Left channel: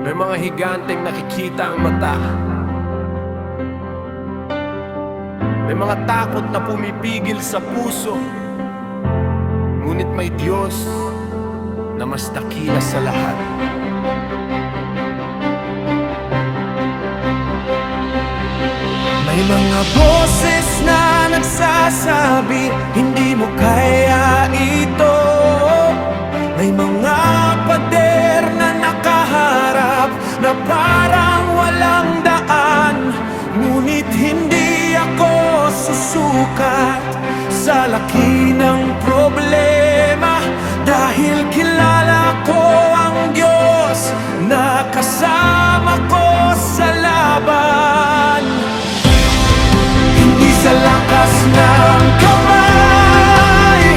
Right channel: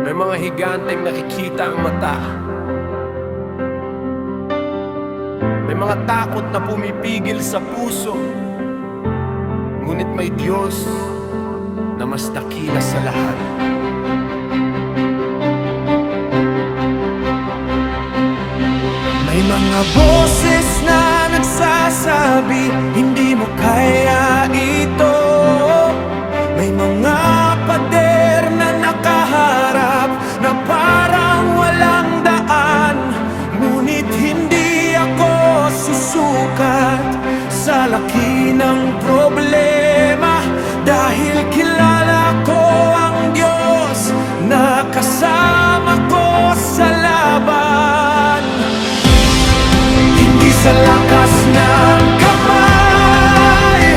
May mga higanteng nakikita ang mata. May mga takot na pumipigil sa puso. Ngunit may Diyos na mas dakila sa lahat. May mga boses na nagsasabi, hindi mo kaya ito. May mga pader na nakaharap na parang walang daan. Ngunit hindi ako susukat sa laki ng problema, dahil kilala ko ang Diyos na kasama ko sa laban. Hindi sa lakas ng kamay,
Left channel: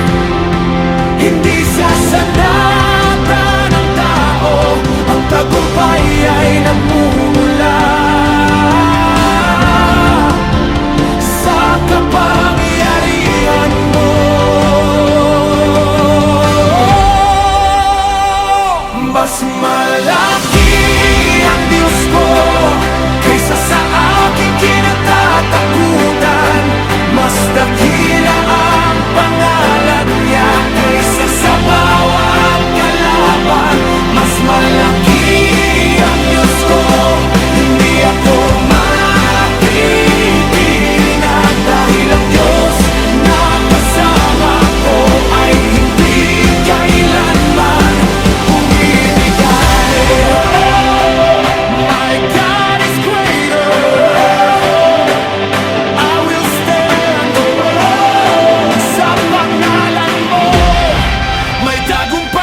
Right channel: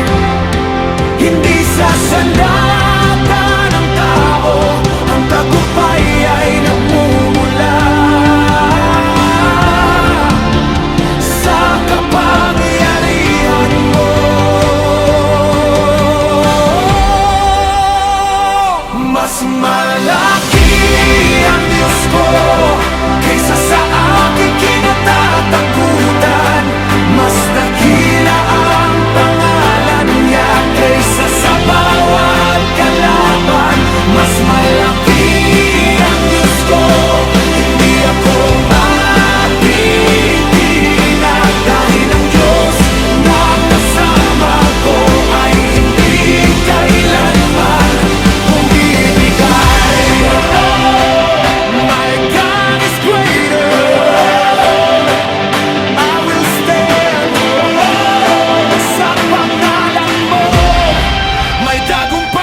hindi sa sandata ng tao, ang tagumpay ay nagmumula sa kapangyarihan mo. Mas malaki ang Diyos ko kaysa sa aking kinatatakutan. Mas dakila ang pangalan niya kaysa sa bawat kalaban. Mas malaki ang Diyos ko, hindi ako matitinag, dahil ang Diyos na kasama ko ay hindi kailanman bumibigay. My God is greater. I will stand sa pangalan mo, may tagumpay.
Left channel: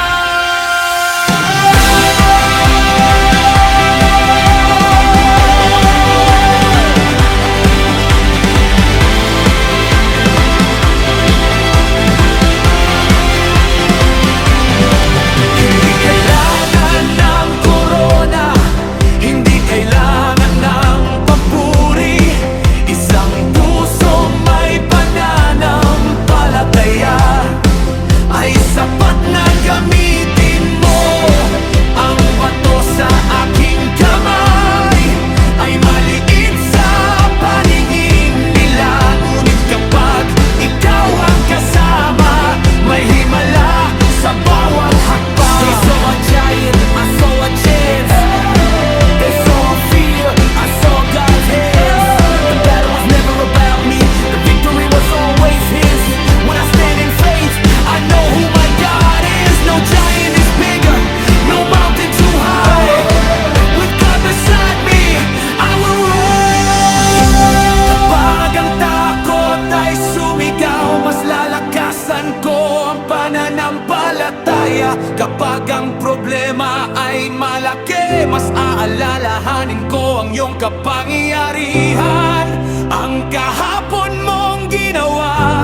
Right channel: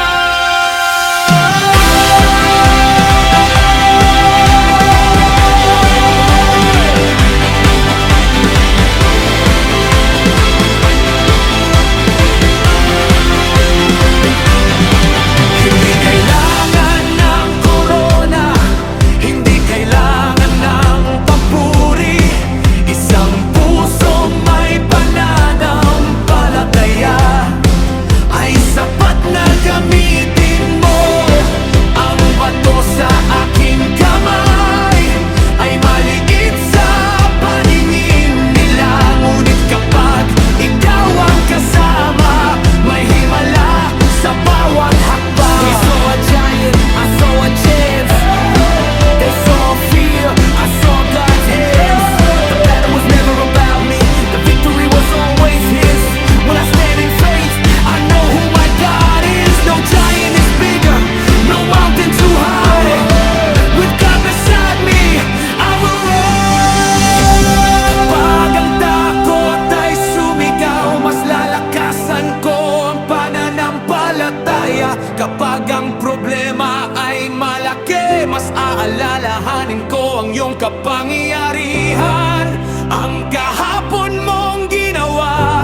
Hindi kailangan ng korona, hindi kailangan ng papuri. Isang puso may pananampalataya ay sapat na gamitin mo. Ang bato sa aking kamay ay maliit sa paningin nila, ngunit kapag ikaw ang kasama, may himala sa bawat hakbang. They saw a giant, I saw a chance. They saw fear, I saw God's hands. The battle was never about me, the victory was always His. When I stand in faith, I know who my God is. No giant is bigger, no mountain too high. With God beside me, I will run. Kapag ang takot ay sumigaw, mas lalakasan ko ang pananampalataya. Kapag ang problema ay malaki, mas aalalahanin ko ang iyong kapangyarihan. Ang kahapon mong ginawa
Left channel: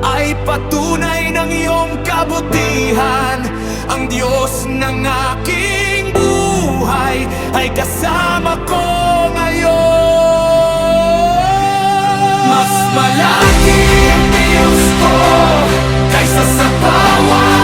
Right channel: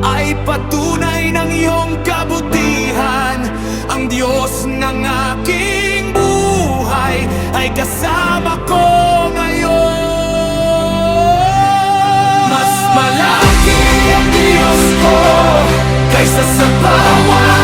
ay patunay ng iyong kabutihan. Ang Diyos ng aking buhay ay kasama ko ngayon. Mas malaki ang Diyos ko kaysa sa bawat